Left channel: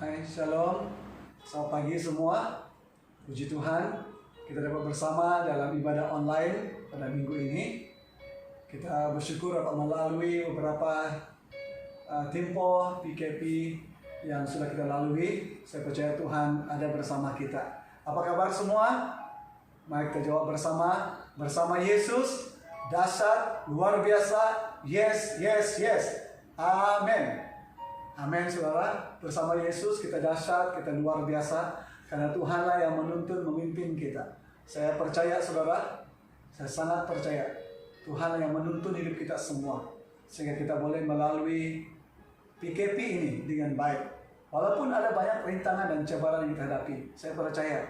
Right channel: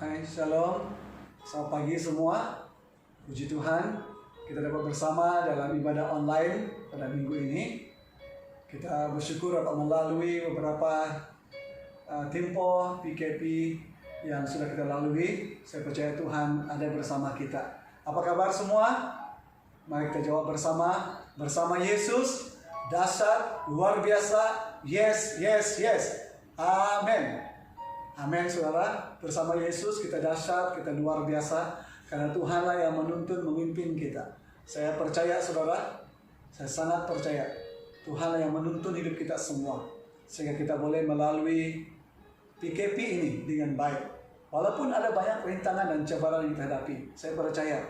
Hai, Shalom. Selamat pagi semua. Puji Tuhan, kita dapat bersama dalam ibadah online pada minggu ini. Kita bersyukur dapat melalui beberapa tempo PKP yang sudah kita lalui. Saya percaya Tuhan ada bersama kita. Apa kabar semua? Mari kita jawab bersama. Bersama Yesus, dahsyat, luar biasa. Yes, yes, yes. Amin. Amin, saudara. Bersama Yesus kita dahsyat, kita luar biasa. Karena Tuhanlah yang menuntun, memimpin kita. Saya percaya, saudara. Saya sangat percaya. Tuhanlah yang menuntun hidup kita semua. Sehingga kita boleh melalui PKP ini dengan baik. Walaupun ada banyak rintangan dan cobaan yang kita hadapi. Saya percaya.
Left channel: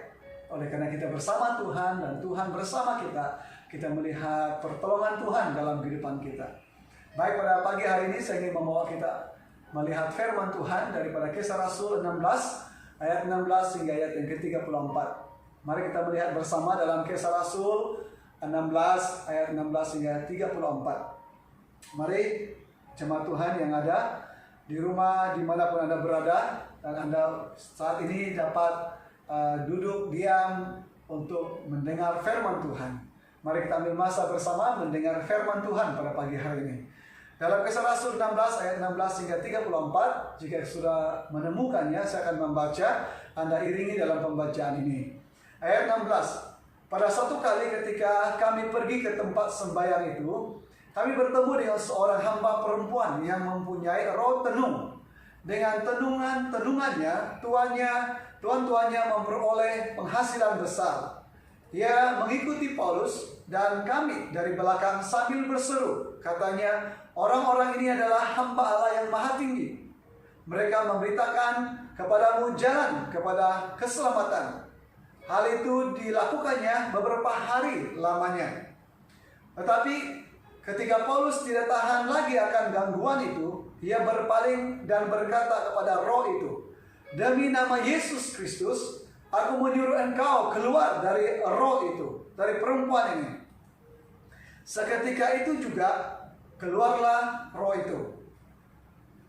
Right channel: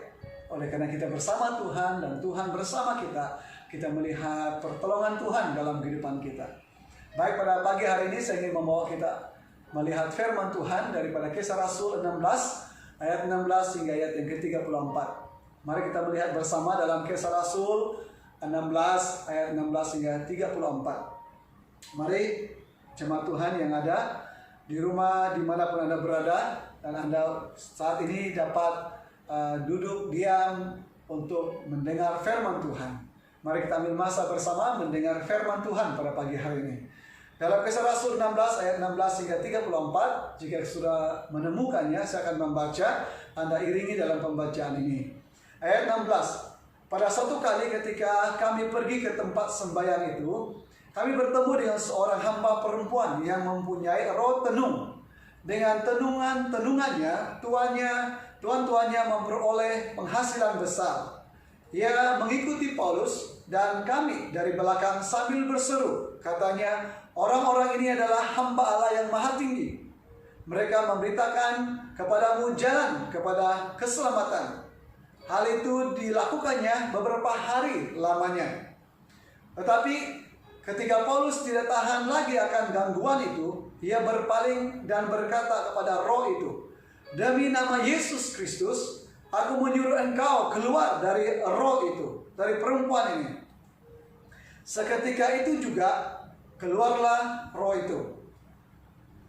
Oleh karena kita bersama Tuhan dan Tuhan bersama kita, kita melihat pertolongan Tuhan dalam kehidupan kita. Baik, pada pagi hari ini saya ingin membawa kita melihat firman Tuhan daripada Kisah Rasul 16 ayat 16 hingga ayat yang ke-34. Mari kita melihat bersama dalam Kisah Rasul 16 ayat 16 hingga 34. Mari jemaat Tuhan yang ada di rumah dimanapun Anda berada dan Anda saat ini dapat duduk diam untuk mendengar firman Tuhan. Mari kita ambil masa bersama mendengar firman Tuhan pada pagi hari ini. Dalam Kisah Rasul 16 ayat 16 hingga 34, jika sudah menemukannya, saya akan membaca, Anda iringi dalam pembacaan ini. Ayat 16, pada satu kali ketika kami pergi ke tempat sembahyang itu, kami bertemu dengan seorang hamba perempuan yang mempunyai roh tenung. Dengan tenungannya, tuan-tuannya memperoleh penghasilan besar. Ia mengikuti Paulus dan kami dari belakang sambil berseru, katanya, orang-orang ini adalah hamba Allah yang maha tinggi. Mereka memberitakan kepadamu jalan kepada keselamatan. Hal itu dilakukannya beberapa hari lamanya. Tetapi ketika Paulus tidak tahan lagi akan gangguan itu, ia berpaling dan berkata kepada roh itu, demi nama Yesus Kristus, aku menyuruh engkau keluar dari roh itu, dari perempuan ini. Seketika itu juga keluarlah roh itu.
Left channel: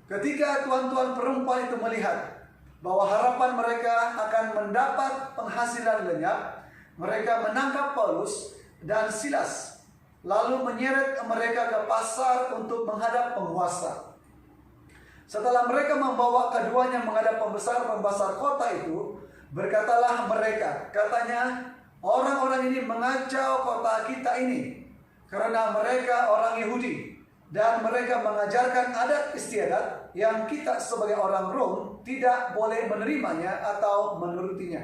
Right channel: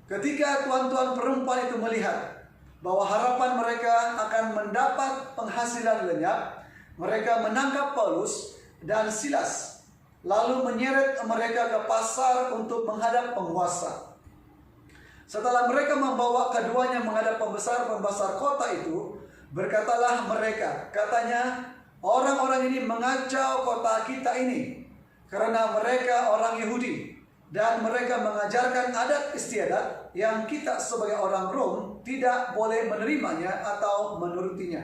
Ketika tuan-tuan perempuan itu melihat bahwa harapan mereka akan mendapat penghasilan lenyap, mereka menangkap Paulus dan Silas, lalu menyeret mereka ke pasar untuk menghadap penguasa. Setelah mereka membawa keduanya menghadap pembesar-pembesar kota itu, berkatalah mereka, katanya, orang-orang ini mengacau kota kita ini, karena mereka orang Yahudi, dan mereka mengajarkan adat istiadat yang kita sebagai orang Rom tidak boleh menerimanya atau menurutinya.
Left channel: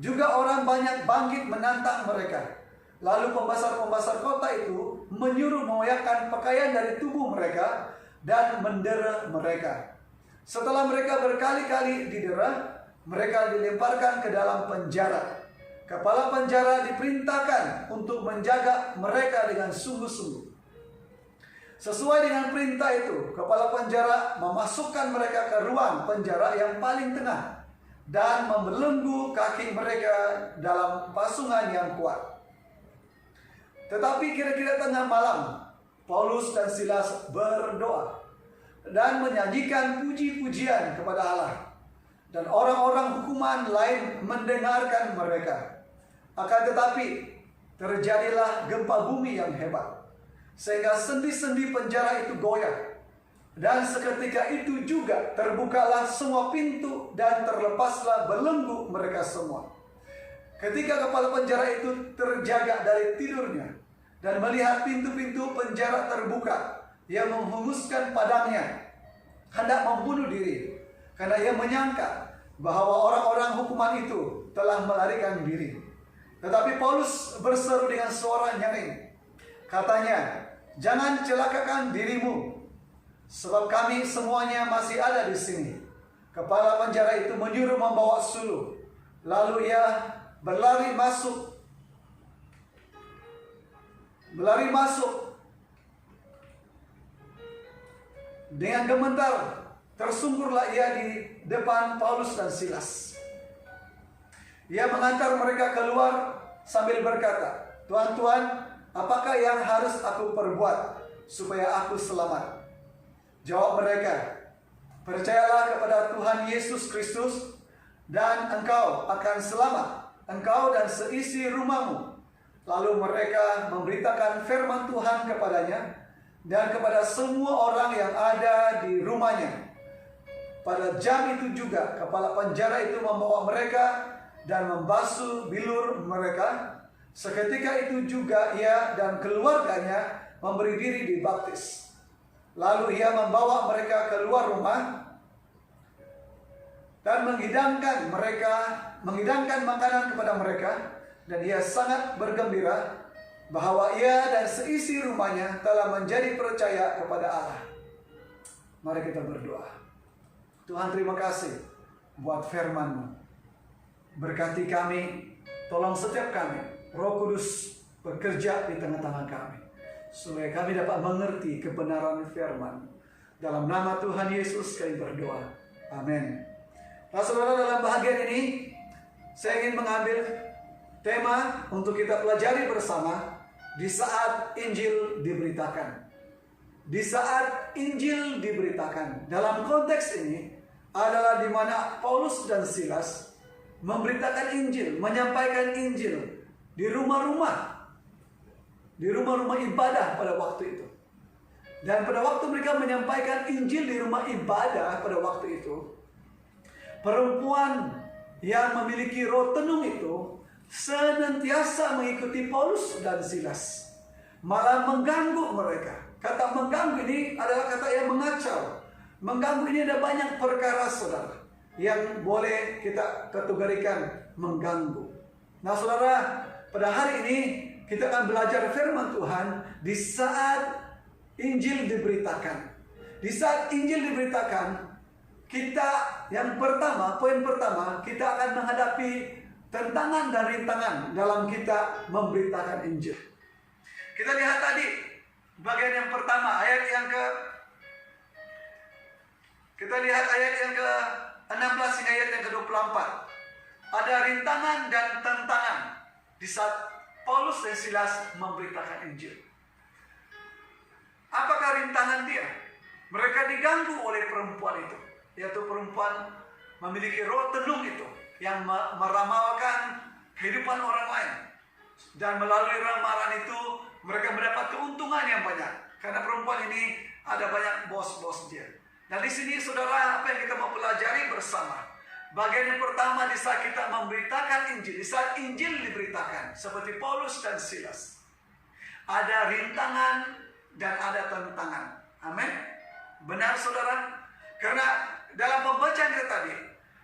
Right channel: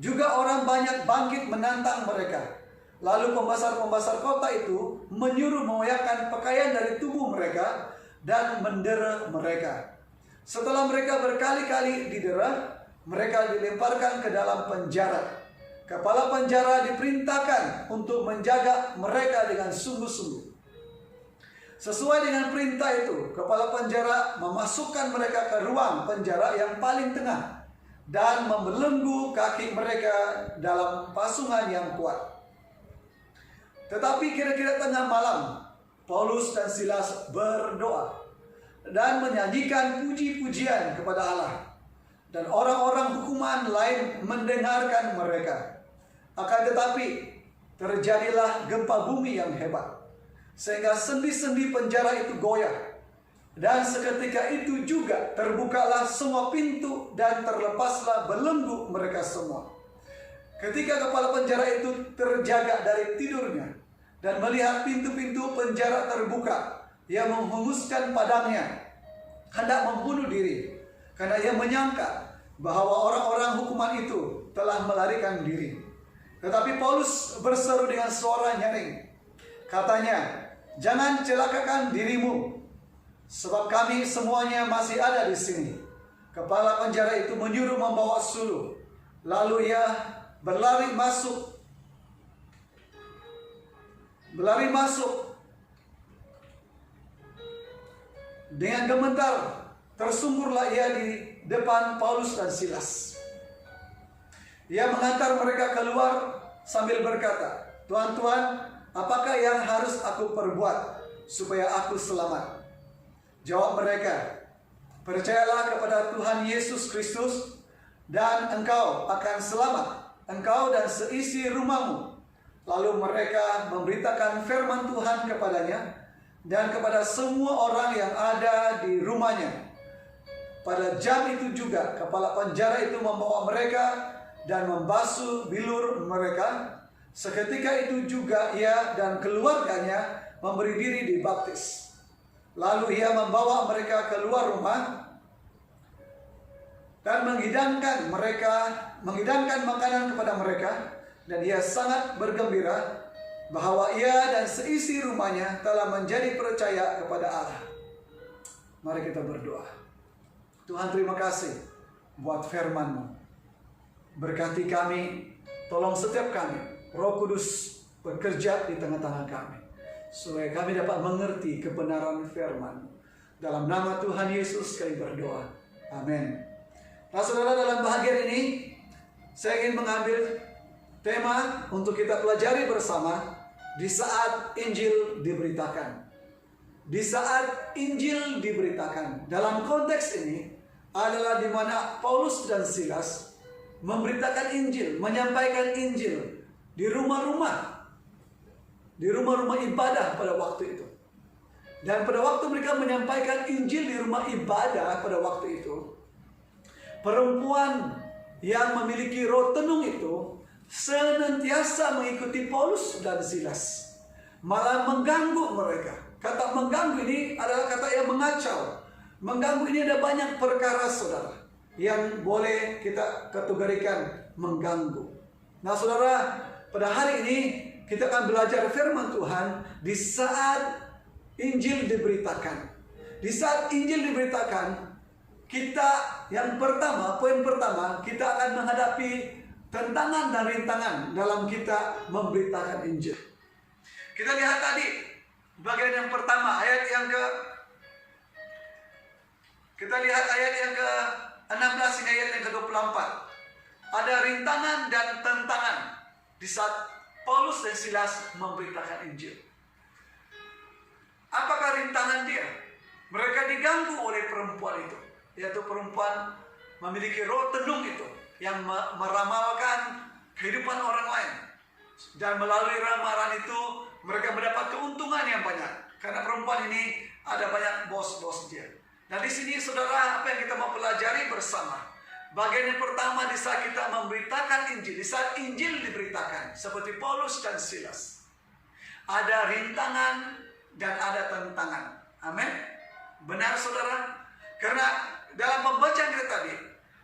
Juga orang banyak bangkit menantang mereka. Lalu pembesar-pembesar kota itu menyuruh mengoyakkan pakaian dari tubuh mereka dan mendera mereka. Setelah mereka berkali-kali didera, mereka dilemparkan ke dalam penjara. Kepala penjara diperintahkan untuk menjaga mereka dengan sungguh-sungguh. Sesuai dengan perintah itu, kepala penjara memasukkan mereka ke ruang penjara yang paling tengah dan membelenggu kaki mereka dalam pasungan yang kuat. Tetapi kira-kira tengah malam, Paulus dan Silas berdoa dan menyanyikan puji-pujian kepada Allah. Dan orang-orang hukuman lain mendengarkan mereka. Akan tetapi terjadilah gempa bumi yang hebat, sehingga sendi-sendi penjara itu goyah. Dan seketika itu juga terbukalah semua pintu dan terlepaslah belenggu mereka semua. Ketika kepala penjara itu terjaga dari tidurnya dan melihat pintu-pintu penjara terbuka, ia menghembuskan padangnya, hendak membunuh diri, karena ia menyangka bahwa orang-orang hukuman itu telah melarikan diri. Tetapi Paulus berseru dengan suara nyaring, katanya, jangan celakakan dirimu, sebab kami semuanya masih ada di sini. Kepala penjara itu menyuruh membawa suluh. Lalu ia berlari masuk. Dengan gemetar tersungkurlah ia di depan Paulus dan Silas. Ia mengantar mereka keluar sambil berkata, Tuan-tuan, apakah yang harus aku perbuat supaya aku selamat? Jawab mereka, Percayalah kepada Tuhan Yesus Kristus dan engkau akan selamat, engkau dan seisi rumahmu. Lalu mereka memberitakan firman Tuhan kepadanya dan kepada semua orang yang ada di rumahnya. Pada jam itu juga kepala penjara itu membawa mereka dan membasuh bilur mereka. Seketika itu juga ia dan keluarganya memberi diri dibaptis. Lalu ia membawa mereka keluar rumah dan menghidangkan makanan kepada mereka, dan ia sangat bergembira bahwa ia dan seisi rumahnya telah menjadi percaya kepada Allah. Mari kita berdoa. Tuhan, terima kasih buat firman-Mu. Berkati kami, tolong setiap kami, Roh Kudus bekerja di tengah-tengah kami, supaya kami dapat mengerti kebenaran firman. Dalam nama Tuhan Yesus kami berdoa. Amin. Nah saudara, dalam bahagian ini saya ingin mengambil tema untuk kita pelajari bersama di saat Injil diberitakan. Di saat Injil diberitakan. Dalam konteks ini adalah di mana Paulus dan Silas memberitakan Injil, menyampaikan Injil di rumah-rumah ibadah pada waktu itu. Dan pada waktu mereka menyampaikan Injil di rumah ibadah pada waktu itu, perempuan yang memiliki roh tenung itu senantiasa mengikuti Paulus dan Silas, malah mengganggu mereka. Kata mengganggu ini adalah kata yang mengacau. Mengganggu ini ada banyak perkara saudara yang boleh kita kategorikan mengganggu. Nah saudara, pada hari ini kita akan belajar firman Tuhan di saat Injil diberitakan. Di saat Injil diberitakan, kita yang pertama, poin pertama, kita akan menghadapi tantangan dan rintangan dalam kita memberitakan Injil. Kita lihat tadi bagian yang pertama, ayat yang ke-16 hingga ayat yang ke-24. Ada rintangan dan tantangan di saat Paulus dan Silas memberitakan Injil. Apakah rintangan dia? Mereka diganggu oleh perempuan itu, yaitu perempuan memiliki roh tenung itu yang meramalkan kehidupan orang lain. Dan melalui ramalan itu mereka mendapat keuntungan yang banyak, karena perempuan ini ada banyak bos-bos dia. Nah di sini saudara, apa yang kita mau pelajari bersama? Bagian yang pertama, di saat kita memberitakan Injil, di saat Injil diberitakan, seperti Paulus dan Silas, ada rintangan dan ada tantangan. Amin. Benar saudara? Karena dalam pembacaan kita tadi,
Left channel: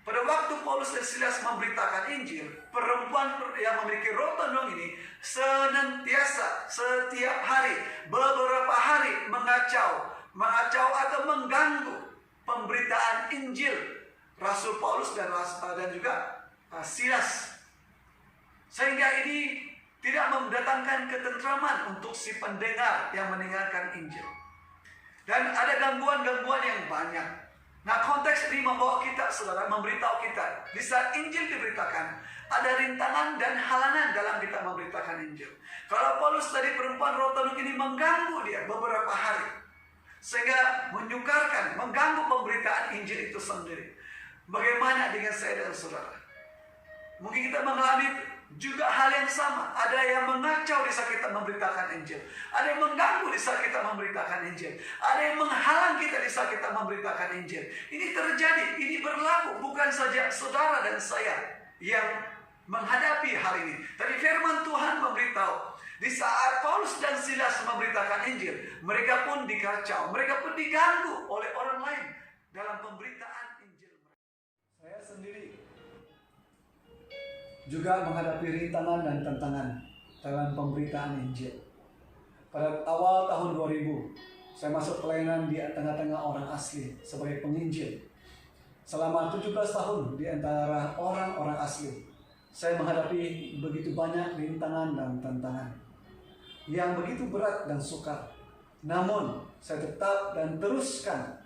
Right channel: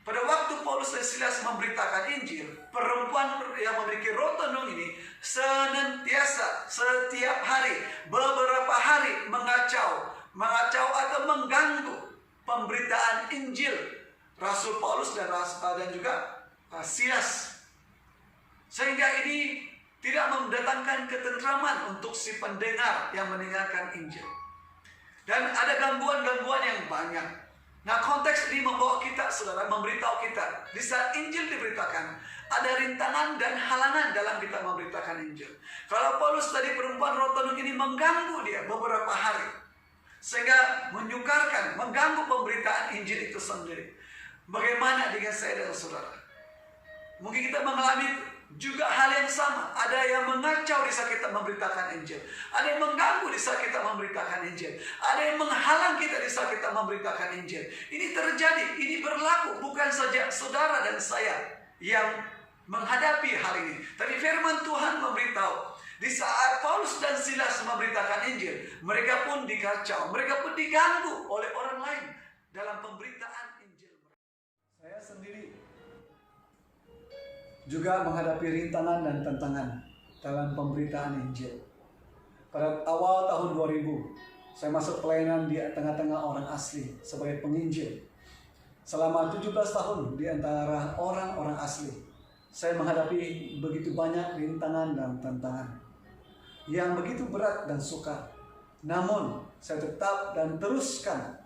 pada waktu Paulus dan Silas memberitakan Injil, perempuan yang memiliki roh tenung ini senantiasa setiap hari, beberapa hari mengacau atau mengganggu pemberitaan Injil Rasul Paulus dan juga Silas. Sehingga ini tidak mendatangkan ketentraman untuk si pendengar yang mendengarkan Injil. Dan ada gangguan-gangguan yang banyak. Nah konteks ini membawa kita saudara, memberitahu kita di saat Injil diberitakan, ada rintangan dan halangan dalam kita memberitakan Injil. Kalau Paulus tadi, perempuan roh tenung ini mengganggu dia beberapa hari, sehingga menyukarkan, mengganggu pemberitaan Injil itu sendiri. Bagaimana dengan saya dan saudara? Mungkin kita mengalami juga hal yang sama. Ada yang mengacau di saat kita memberitakan Injil. Ada yang mengganggu di saat kita memberitakan Injil. Ada yang menghalang kita di saat kita memberitakan Injil. Ini terjadi, ini berlaku bukan saja saudara dan saya yang menghadapi hal ini. Tapi firman Tuhan memberitahu, di saat Paulus dan Silas memberitakan Injil, mereka pun dikacau, mereka pun diganggu oleh orang lain dalam pemberitaan Injil. Saya sendiri juga menghadapi rintangan dan tantangan dalam pemberitaan Injil. Pada awal tahun 2000, saya masuk pelayanan di tengah-tengah orang asli sebagai penginjil. Selama 17 tahun di antara orang-orang asli, saya menghadapi begitu banyak rintangan dan tantangan yang begitu berat dan sukar. Namun, saya tetap dan teruskan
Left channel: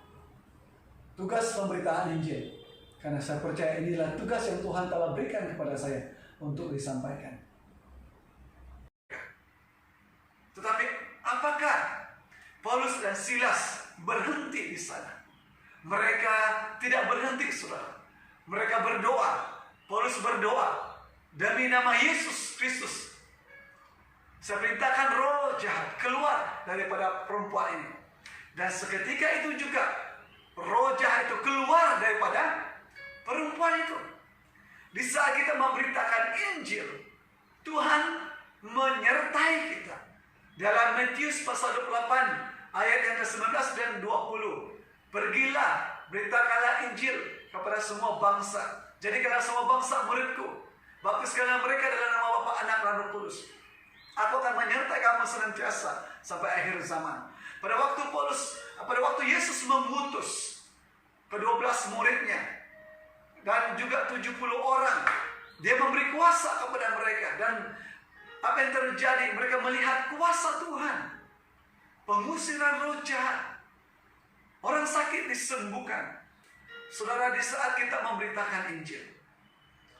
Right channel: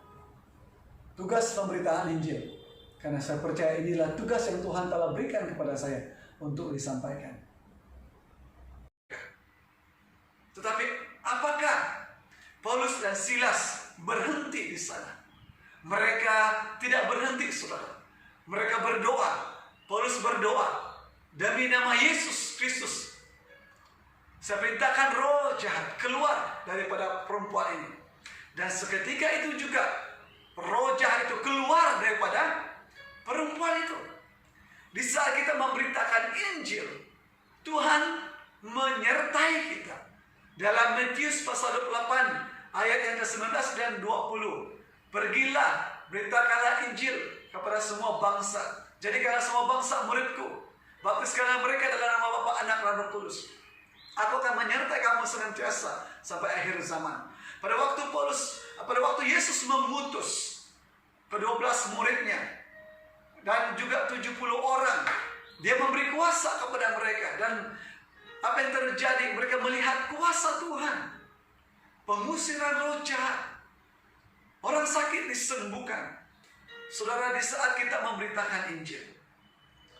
tugas pemberitaan Injil. Karena saya percaya inilah tugas yang Tuhan telah berikan kepada saya untuk disampaikan. Tetapi apakah Paulus dan Silas berhenti di sana? Mereka tidak berhenti, saudara. Mereka berdoa. Paulus berdoa, demi nama Yesus Kristus, saya perintahkan roh jahat keluar daripada perempuan ini. Dan seketika itu juga roh jahat itu keluar daripada perempuan itu. Di saat kita memberitakan Injil, Tuhan menyertai kita. Dalam Matius pasal 28 ayat yang ke-19 dan 20. Pergilah, beritakanlah Injil kepada semua bangsa. Jadikanlah semua bangsa muridku. Baptiskanlah mereka dalam nama Bapa, Anak, dan Roh Kudus. Aku akan menyertai kamu senantiasa sampai akhir zaman. Pada waktu Yesus mengutus ke-12 muridnya dan juga 70 orang, dia memberi kuasa kepada mereka. Dan apa yang terjadi? Mereka melihat kuasa Tuhan. Pengusiran roh jahat. Orang sakit disembuhkan. Saudara, di saat kita memberitakan Injil,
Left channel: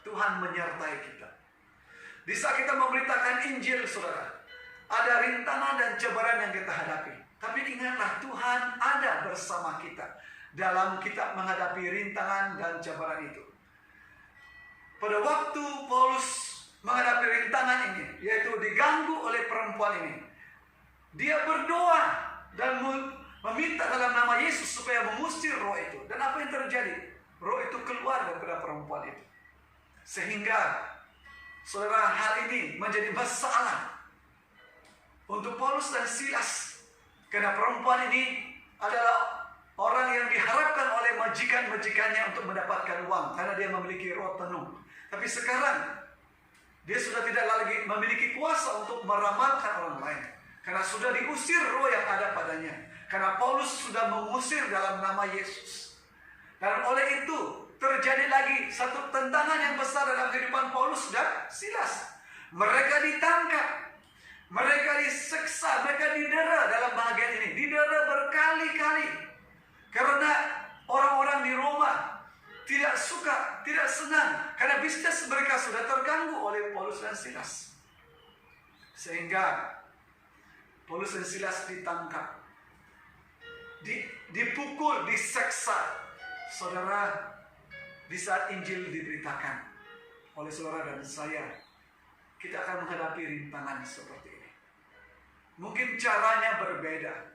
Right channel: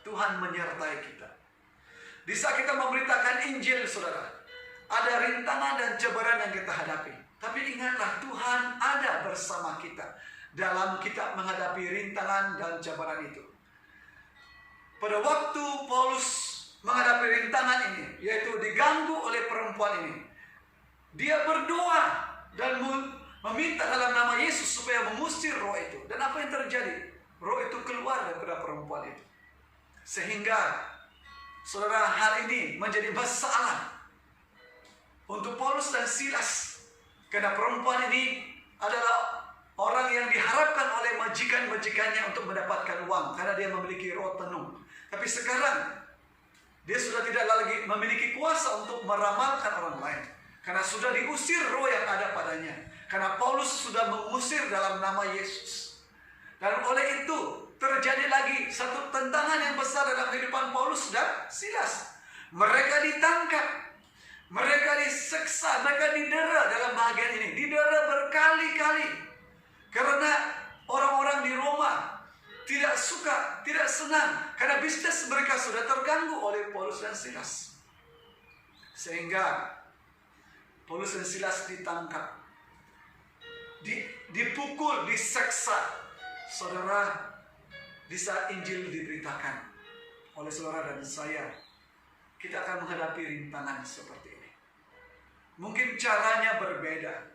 Tuhan menyertai kita. Di saat kita memberitakan Injil, saudara, ada rintangan dan cobaan yang kita hadapi. Tapi ingatlah, Tuhan ada bersama kita dalam kita menghadapi rintangan dan cobaan itu. Pada waktu Paulus menghadapi rintangan ini, yaitu diganggu oleh perempuan ini, dia berdoa dan meminta dalam nama Yesus supaya mengusir roh itu. Dan apa yang terjadi? Roh itu keluar daripada perempuan itu. Sehingga, saudara, hal ini menjadi masalah untuk Paulus dan Silas. Karena perempuan ini adalah orang yang diharapkan oleh majikan-majikannya untuk mendapatkan uang. Karena dia memiliki roh penuh. Tapi sekarang, dia sudah tidak lagi memiliki kuasa untuk meramalkan orang lain. Karena sudah diusir roh yang ada padanya. Karena Paulus sudah mengusir dalam nama Yesus. Dan oleh itu terjadi lagi satu tentangan yang besar dalam kehidupan Paulus dan Silas. Mereka ditangkap, mereka diseksa, mereka didera dalam bahagian ini. Didera berkali-kali. Karena orang-orang di Roma tidak suka, tidak senang. Karena bisnis mereka sudah terganggu oleh Paulus dan Silas. Sehingga Paulus dan Silas ditangkap, dipukul, diseksa. Saudara, di saat Injil diberitakan oleh saudara dan saya, kita akan menghadapi rintangan seperti ini. Mungkin caranya berbeda,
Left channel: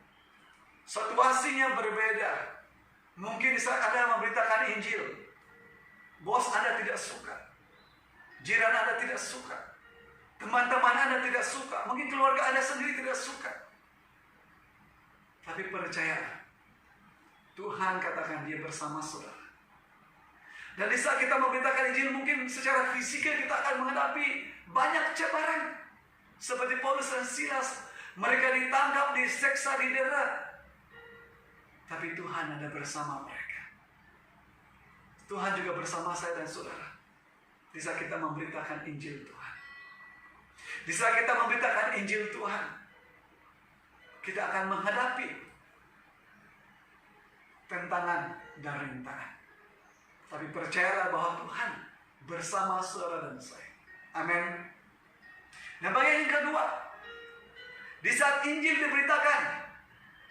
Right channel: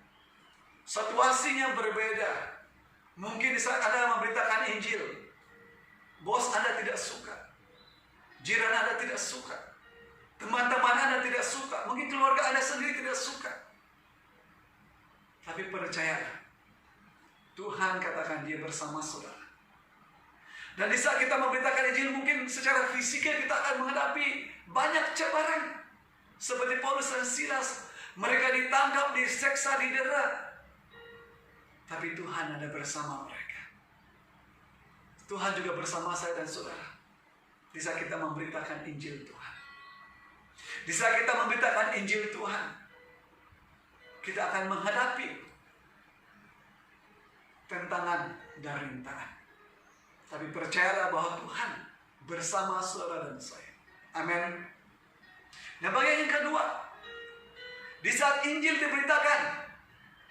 situasinya berbeda. Mungkin di saat Anda memberitakan Injil, bos Anda tidak suka, jiran Anda tidak suka, teman-teman Anda tidak suka, mungkin keluarga Anda sendiri tidak suka. Tapi percayalah, Tuhan katakan dia bersama saudara. Dan di saat kita memberitakan Injil, mungkin secara fisikal kita akan menghadapi banyak cobaan. Seperti Paulus dan Silas, mereka ditangkap, diseksa, didera. Tapi Tuhan ada bersama mereka. Tuhan juga bersama saya dan saudara. Di saat kita memberitakan Injil Tuhan. Di saat kita memberitakan Injil Tuhan, kita akan menghadapi tentangan dan rintangan. Tapi percayalah bahwa Tuhan bersama saudara dan saya. Amin. Nah, bagian yang kedua, di saat Injil diberitakan,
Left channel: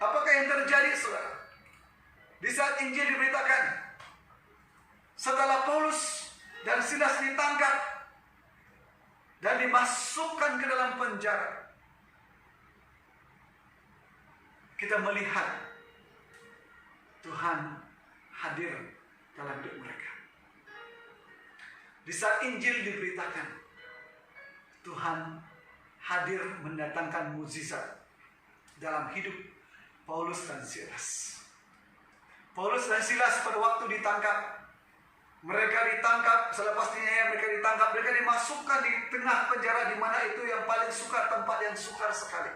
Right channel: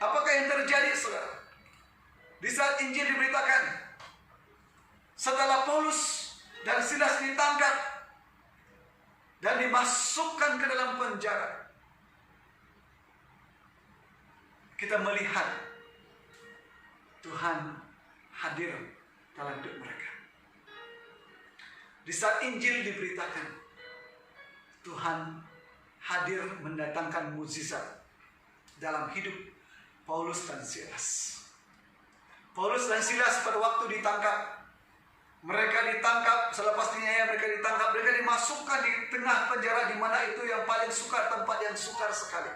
apakah yang terjadi, saudara? Di saat Injil diberitakan, setelah Paulus dan Silas ditangkap dan dimasukkan ke dalam penjara, kita melihat Tuhan hadir dalam hidup mereka. Di saat Injil diberitakan, Tuhan hadir mendatangkan mukjizat dalam hidup Paulus dan Silas. Paulus dan Silas pada waktu ditangkap, mereka ditangkap, selepasnya mereka ditangkap, mereka dimasukkan di tengah penjara di mana itu yang paling sukar, tempat yang sukar sekali.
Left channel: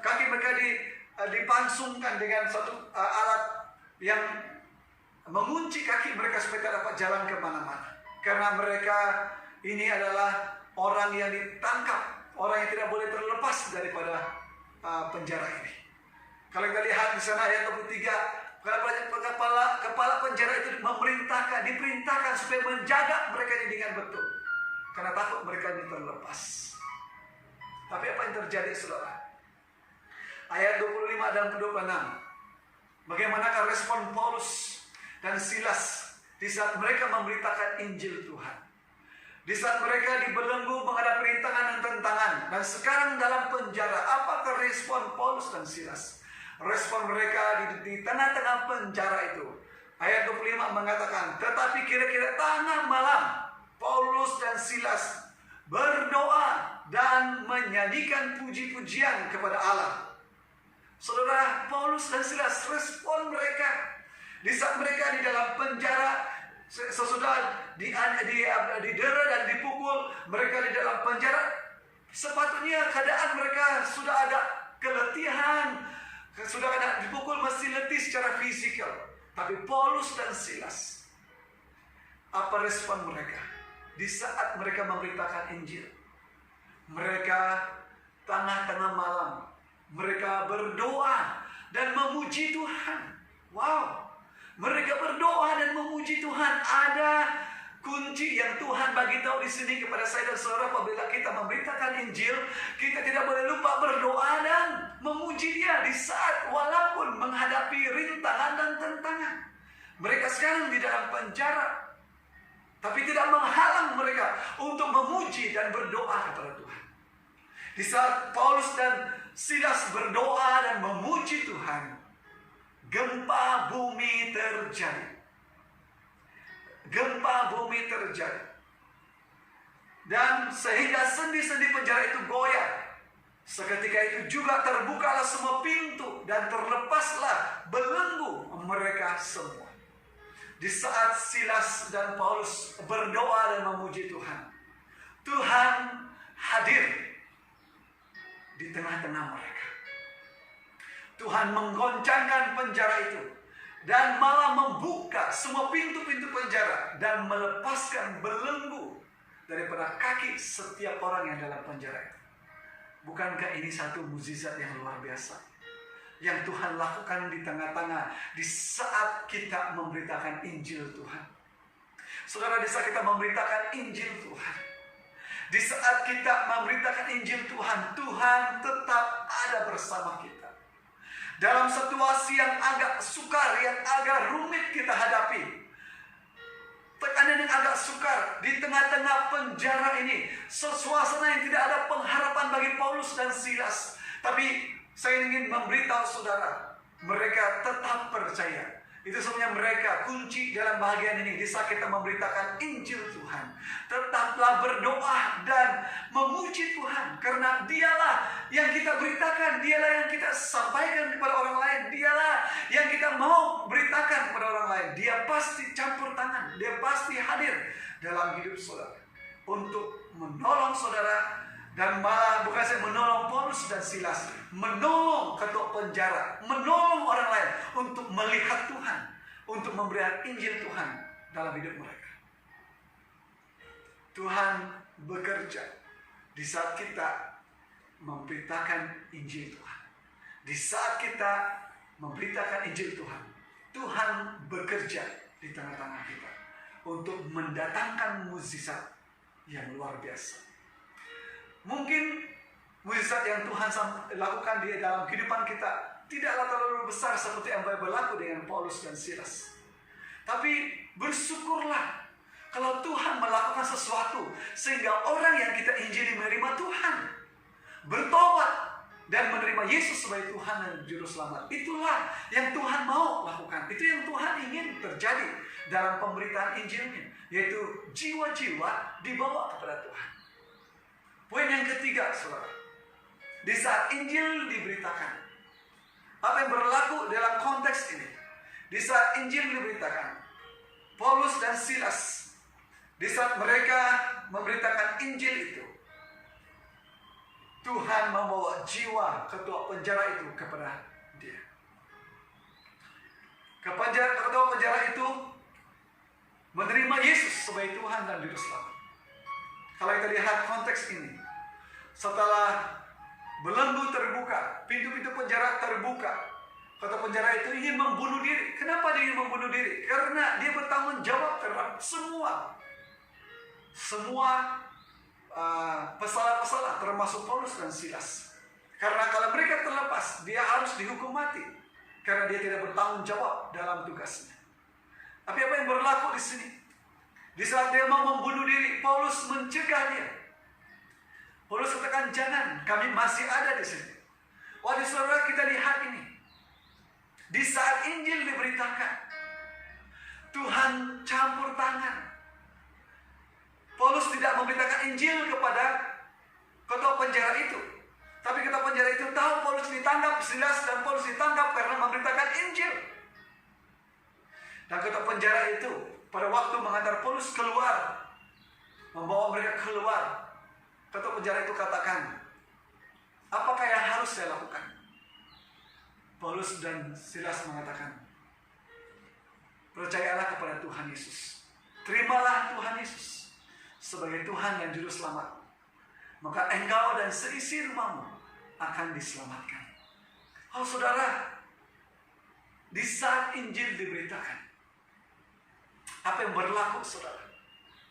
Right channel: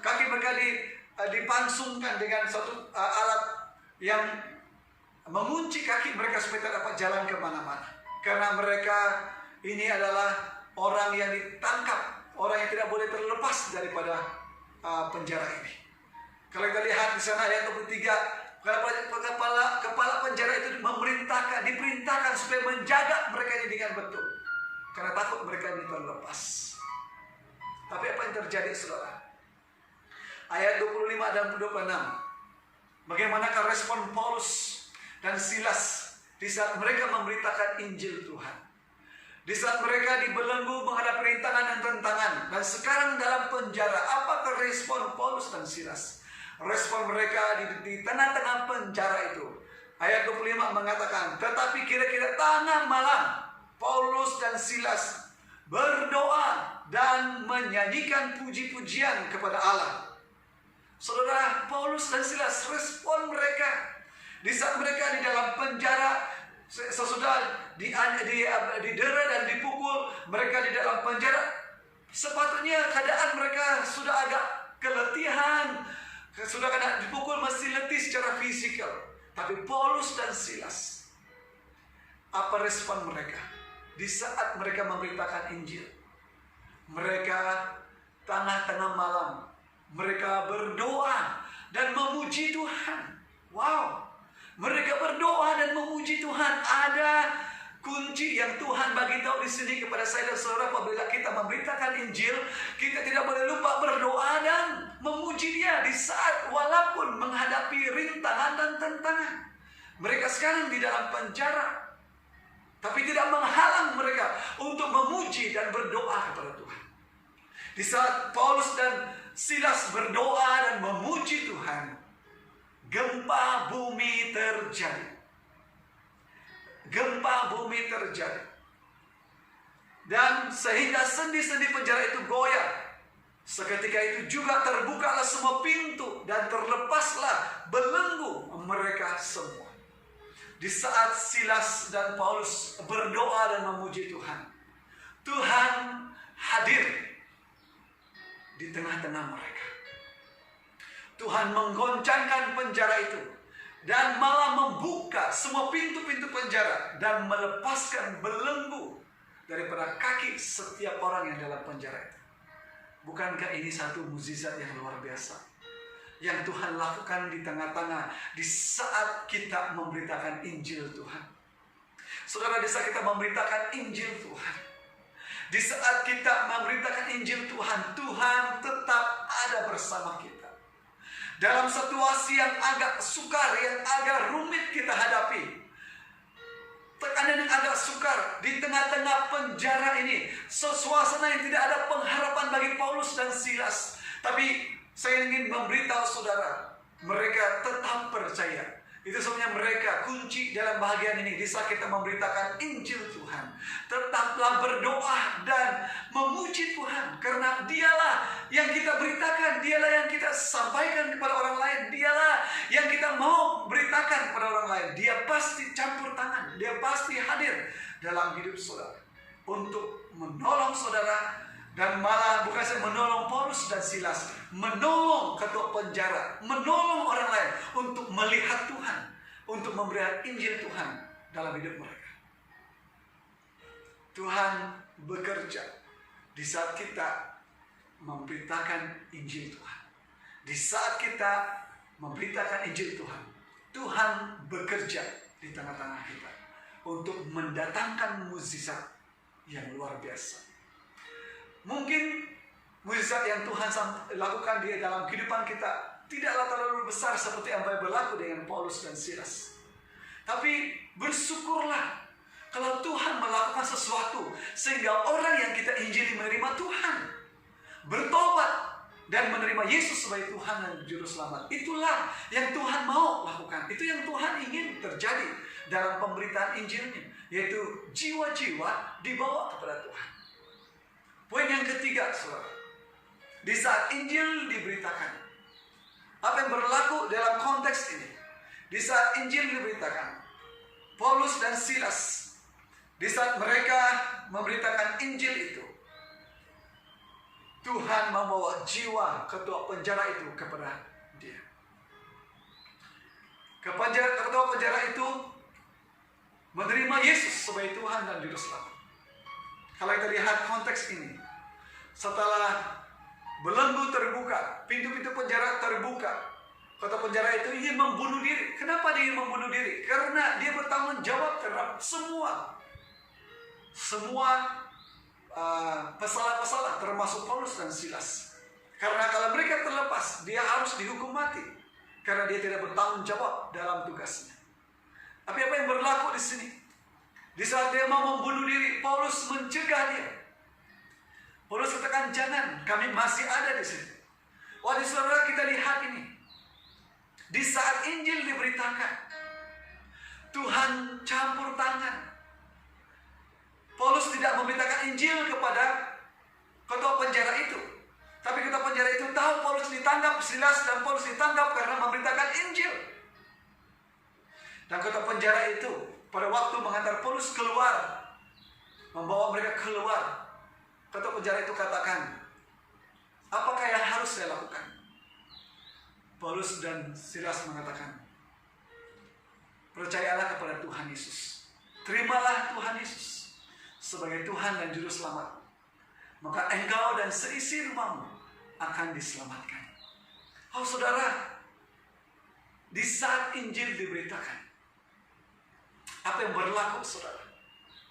Kaki mereka dipansungkan dengan satu alat yang mengunci kaki mereka supaya tidak dapat jalan kemana-mana. Karena mereka ini adalah orang yang ditangkap, orang yang tidak boleh terlepas daripada penjara ini. Kalau kita lihat di sana ayat 23, kepala penjara itu diperintahkan supaya menjaga mereka ini dengan betul. Karena takut mereka ini terlepas. Tapi apa yang terjadi, saudara? Ayat 25 dan 26. Bagaimanakah respon Paulus dan Silas di saat mereka memberitakan Injil Tuhan? Di saat mereka dibelenggu menghadapi rintangan dan tentangan, dan sekarang dalam penjara, apakah respon Paulus dan Silas? Respon mereka di tengah-tengah penjara itu. Ayat 25 mengatakan, tetapi kira-kira tengah malam, Paulus dan Silas berdoa dan menyanyikan puji-pujian kepada Allah. Saudara, Paulus dan Silas, respon mereka di saat mereka di dalam penjara, sesudah didera dan dipukul, mereka di dalam penjara, sepatutnya keadaan mereka sudah agak keletihan, sudah kena dipukul, masih letih secara fisikal. Tapi Paulus dan Silas, apa respon mereka di saat mereka memberitakan Injil? Mereka tengah-tengah malam, mereka berdoa dan memuji Tuhan. Wow, mereka berdoa dan memuji Tuhan. Ada kunci yang Tuhan bagi tahu di sini kepada saya dan saudara. Apabila kita memberitakan Injil, kita tidak boleh lupa berdoa dan memuji Dia di saat walaupun menghadapi rintangan dan tantangan. Mereka sekarang di dalam penjara, tapi tidak menghalang mereka untuk memuji dan berdoa kepada Tuhan. Di saat Paulus dan Silas berdoa dan memuji Tuhan, gempa bumi terjadi. Gempa bumi terjadi. Dan sehingga sendi-sendi penjara itu goyah. Seketika itu juga terbukalah semua pintu dan terlepaslah belenggu mereka semua. Di saat Silas dan Paulus berdoa dan memuji Tuhan, Tuhan hadir di tengah-tengah mereka. Tuhan menggoncangkan penjara itu dan malah membuka semua pintu-pintu penjara dan melepaskan belenggu daripada kaki setiap orang yang dalam penjara itu. Bukankah ini satu mukjizat yang luar biasa yang Tuhan lakukan di tengah-tengah di saat kita memberitakan Injil Tuhan? Saudara, di saat kita memberitakan Injil Tuhan, di saat kita memberitakan Injil Tuhan, Tuhan tetap ada bersama kita. Dalam situasi yang agak sukar, yang agak rumit kita hadapi, tekanan yang agak sukar di tengah-tengah penjara ini, suasana yang tidak ada pengharapan bagi Paulus dan Silas. Tapi saya ingin memberitahu saudara, mereka tetap percaya. Itu sebabnya mereka kunci dalam bahagian ini. Di saat kita memberitakan Injil Tuhan, tetaplah berdoa dan memuji Tuhan. Karena Dialah yang kita beritakan, Dialah yang kita sampaikan kepada orang lain, Dialah yang kita mau beritakan kepada orang lain. Dia pasti campur tangan, Dia pasti hadir dalam hidup saudara untuk menolong saudara. Dan malah bukan saya menolong Paulus dan Silas, menolong ketua penjara, menolong orang lain untuk melihat Tuhan, untuk memberikan Injil Tuhan dalam hidup mereka. Tuhan bekerja di saat kita memberitakan Injil Tuhan. Di saat kita memberitakan Injil Tuhan, Tuhan bekerja di tengah-tengah kita untuk mendatangkan mukjizat yang luar biasa. Mungkin mukjizat yang Tuhan lakukan di dalam kehidupan kita tidaklah terlalu besar seperti yang berlaku dengan Paulus dan Silas. Tapi bersyukurlah kalau Tuhan melakukan sesuatu sehingga orang yang kita injili menerima Tuhan, bertobat dan menerima Yesus sebagai Tuhan dan Juru Selamat. Itulah yang Tuhan mau lakukan. Itu yang Tuhan ingin terjadi dalam pemberitaan Injilnya, yaitu jiwa-jiwa dibawa kepada Tuhan. Poin yang ketiga, saudara, di saat Injil diberitakan, apa yang berlaku dalam konteks ini? Di saat Injil diberitakan, Paulus dan Silas, di saat mereka memberitakan Injil itu, Tuhan membawa jiwa ketua penjara itu kepada dia. Ketua penjara itu menerima Yesus sebagai Tuhan dan Juru Selamat. Kalau kita lihat konteks ini, setelah belenggu terbuka, pintu-pintu penjara terbuka, kota penjara itu ingin membunuh diri. Kenapa dia ingin membunuh diri? Karena dia bertanggung jawab terhadap semua pesalah-pesalah, termasuk Paulus dan Silas. Karena kalau mereka terlepas, dia harus dihukum mati. karena dia tidak bertanggung jawab dalam tugasnya. Tapi apa yang berlaku di sini? Di saat dia mau membunuh diri, Paulus mencegah dia. Paulus katakan, jangan, kami masih ada di sini. Wahai saudara, kita lihat ini. Di saat Injil diberitakan, Tuhan campur tangan. Paulus tidak memberitakan Injil kepada ketua penjara itu. Tapi ketua penjara itu tahu Paulus ditangkap, Silas dan Paulus ditangkap karena memberitakan Injil. Dan ketua penjara itu pada waktu mengantar Paulus keluar, membawa mereka keluar, ketua penjara itu katakan, apakah yang harus saya lakukan? Paulus dan Silas mengatakan, percayalah kepada Tuhan Yesus. Terimalah Tuhan Yesus sebagai Tuhan dan Juru Selamat. Maka engkau dan seisi rumahmu akan diselamatkan. Oh saudara, di saat Injil diberitakan, apa yang berlaku saudara?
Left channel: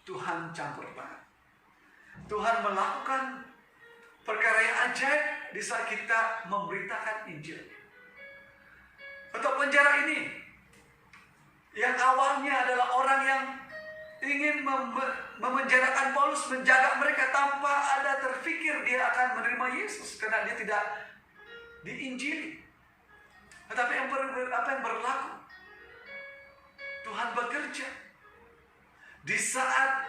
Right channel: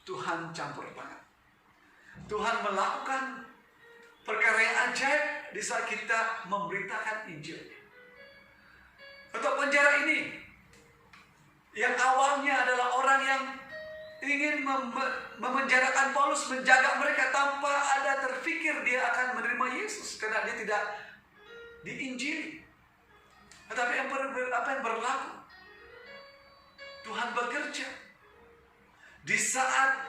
Tuhan campur tangan. Tuhan melakukan perkara yang ajaib di saat kita memberitakan Injil. Ketua penjara ini, yang awalnya adalah orang yang ingin memenjarakan Paulus, menjaga mereka tanpa ada terfikir dia akan menerima Yesus karena dia tidak diinjili. Tetapi apa yang berlaku? Tuhan bekerja. Di saat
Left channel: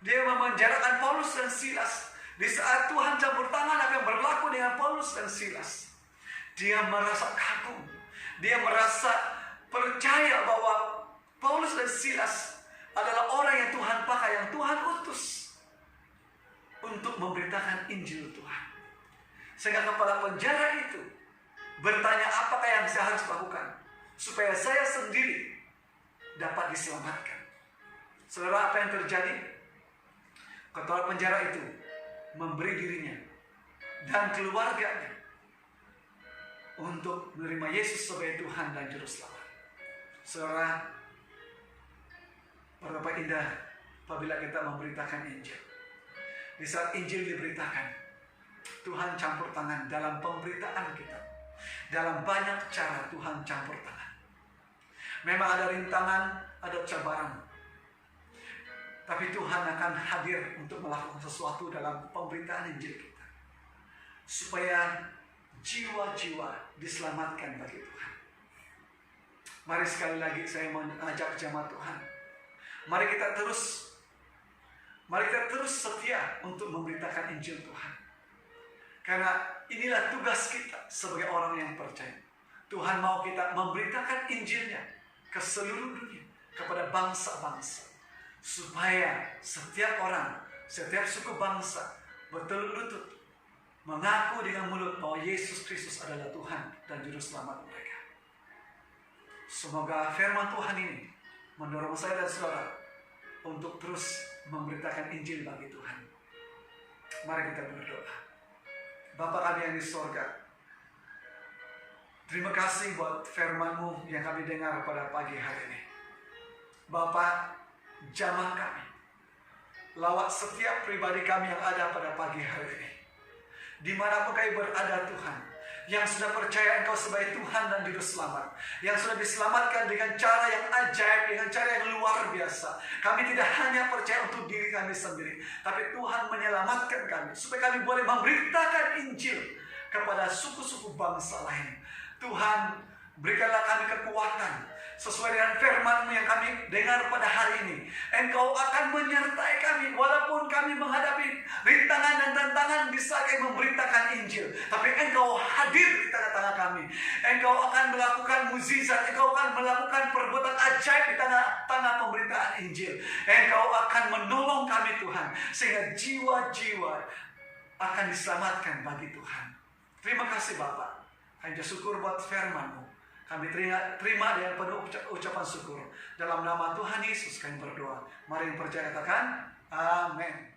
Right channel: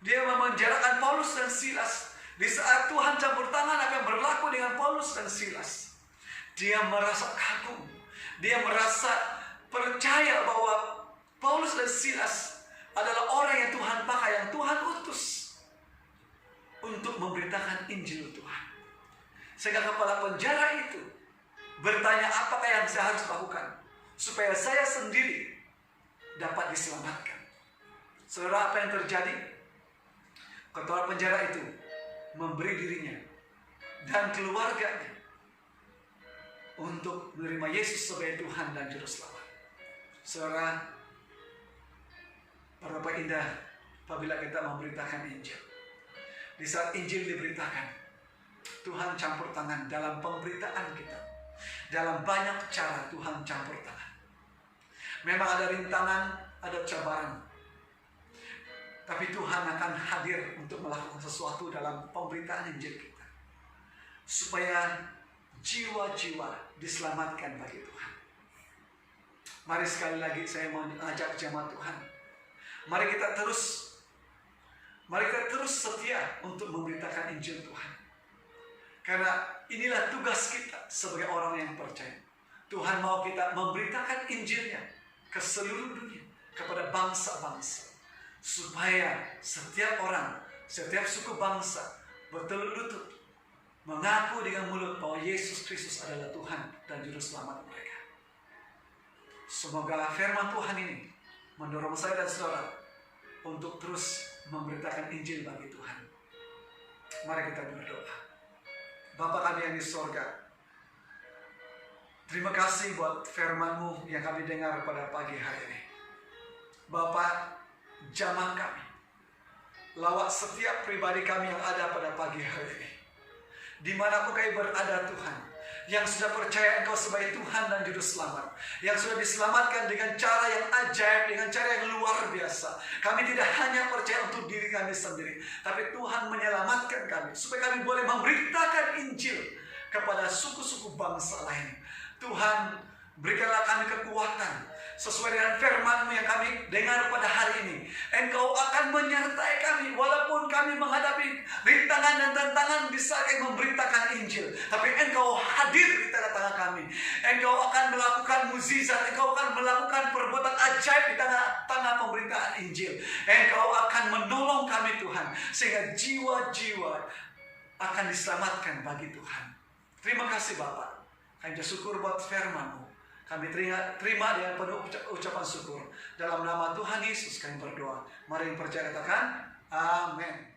dia memenjarakan Paulus dan Silas, di saat Tuhan campur tangan, apa yang berlaku dengan Paulus dan Silas? Dia merasa kagum. Dia merasa percaya bahwa Paulus dan Silas adalah orang yang Tuhan pakai, yang Tuhan utus untuk memberitakan Injil Tuhan. Sehingga kepala penjara itu bertanya, apakah yang saya harus lakukan supaya saya sendiri dapat diselamatkan? Saudara, apa yang terjadi? Ketua penjara itu memberi dirinya dan keluarganya untuk menerima Yesus sebagai Tuhan dan Juru Selamat. Saudara, betapa indah apabila kita memberitakan Injil. Di saat Injil diberitakan, Tuhan campur tangan dalam pemberitaan kita. Dalam banyak cara Tuhan campur tangan. Memang ada rintangan, ada cabaran. Tapi Tuhan akan hadir untuk melakukan sesuatu dalam pemberitaan Injil kita. Supaya jiwa-jiwa diselamatkan bagi Tuhan. Mari sekali lagi saya mau ajak jemaat Tuhan. Mari kita terus setia untuk memberitakan Injil Tuhan. Karena inilah tugas kita sebagai orang yang percaya. Tuhan mau kita memberitakan Injilnya ke seluruh dunia, kepada bangsa-bangsa. Supaya setiap orang, setiap suku bangsa bertelut lutut mengaku dengan mulut bahwa Yesus Kristus adalah Tuhan dan Juru Selamat mereka. Semoga firman Tuhan ini mendorong saya dan saudara untuk terus memberitakan Injil bagi Tuhan. Mari kita berdoa. Bapa kami yang di sorga, terima kasih buat firman-Mu yang kami dengar pada pagi hari ini. Bapa, jamah kami, lawat setiap pribadi kami yang ada pada pagi hari ini. Dimanapun kami berada Tuhan, yang sudah percaya Engkau sebagai Tuhan dan Juru Selamat, yang sudah diselamatkan dengan cara yang ajaib, dengan cara yang luar biasa. Kami tidak hanya percaya untuk diri kami sendiri, tapi Tuhan menyelamatkan kami, supaya kami boleh memberitakan Injil kepada suku-suku bangsa lain. Tuhan, berikanlah kami kekuatan sesuai dengan firman-Mu yang kami dengar pada hari ini. Engkau akan menyertai kami walaupun kami menghadapi rintangan dan tantangan di saat kami memberitakan Injil. Tapi Engkau hadir di tengah-tengah kami. Engkau akan melakukan mukjizat, Engkau akan melakukan perbuatan ajaib di tengah-tengah pemberitaan Injil. Engkau akan menolong kami Tuhan, sehingga jiwa-jiwa akan diselamatkan bagi Tuhan. Terima kasih Bapak. Kami bersyukur buat firman-Mu. Kami terima dengan penuh ucapan syukur. Dalam nama Tuhan Yesus kami berdoa. Mari yang percaya katakan, amin.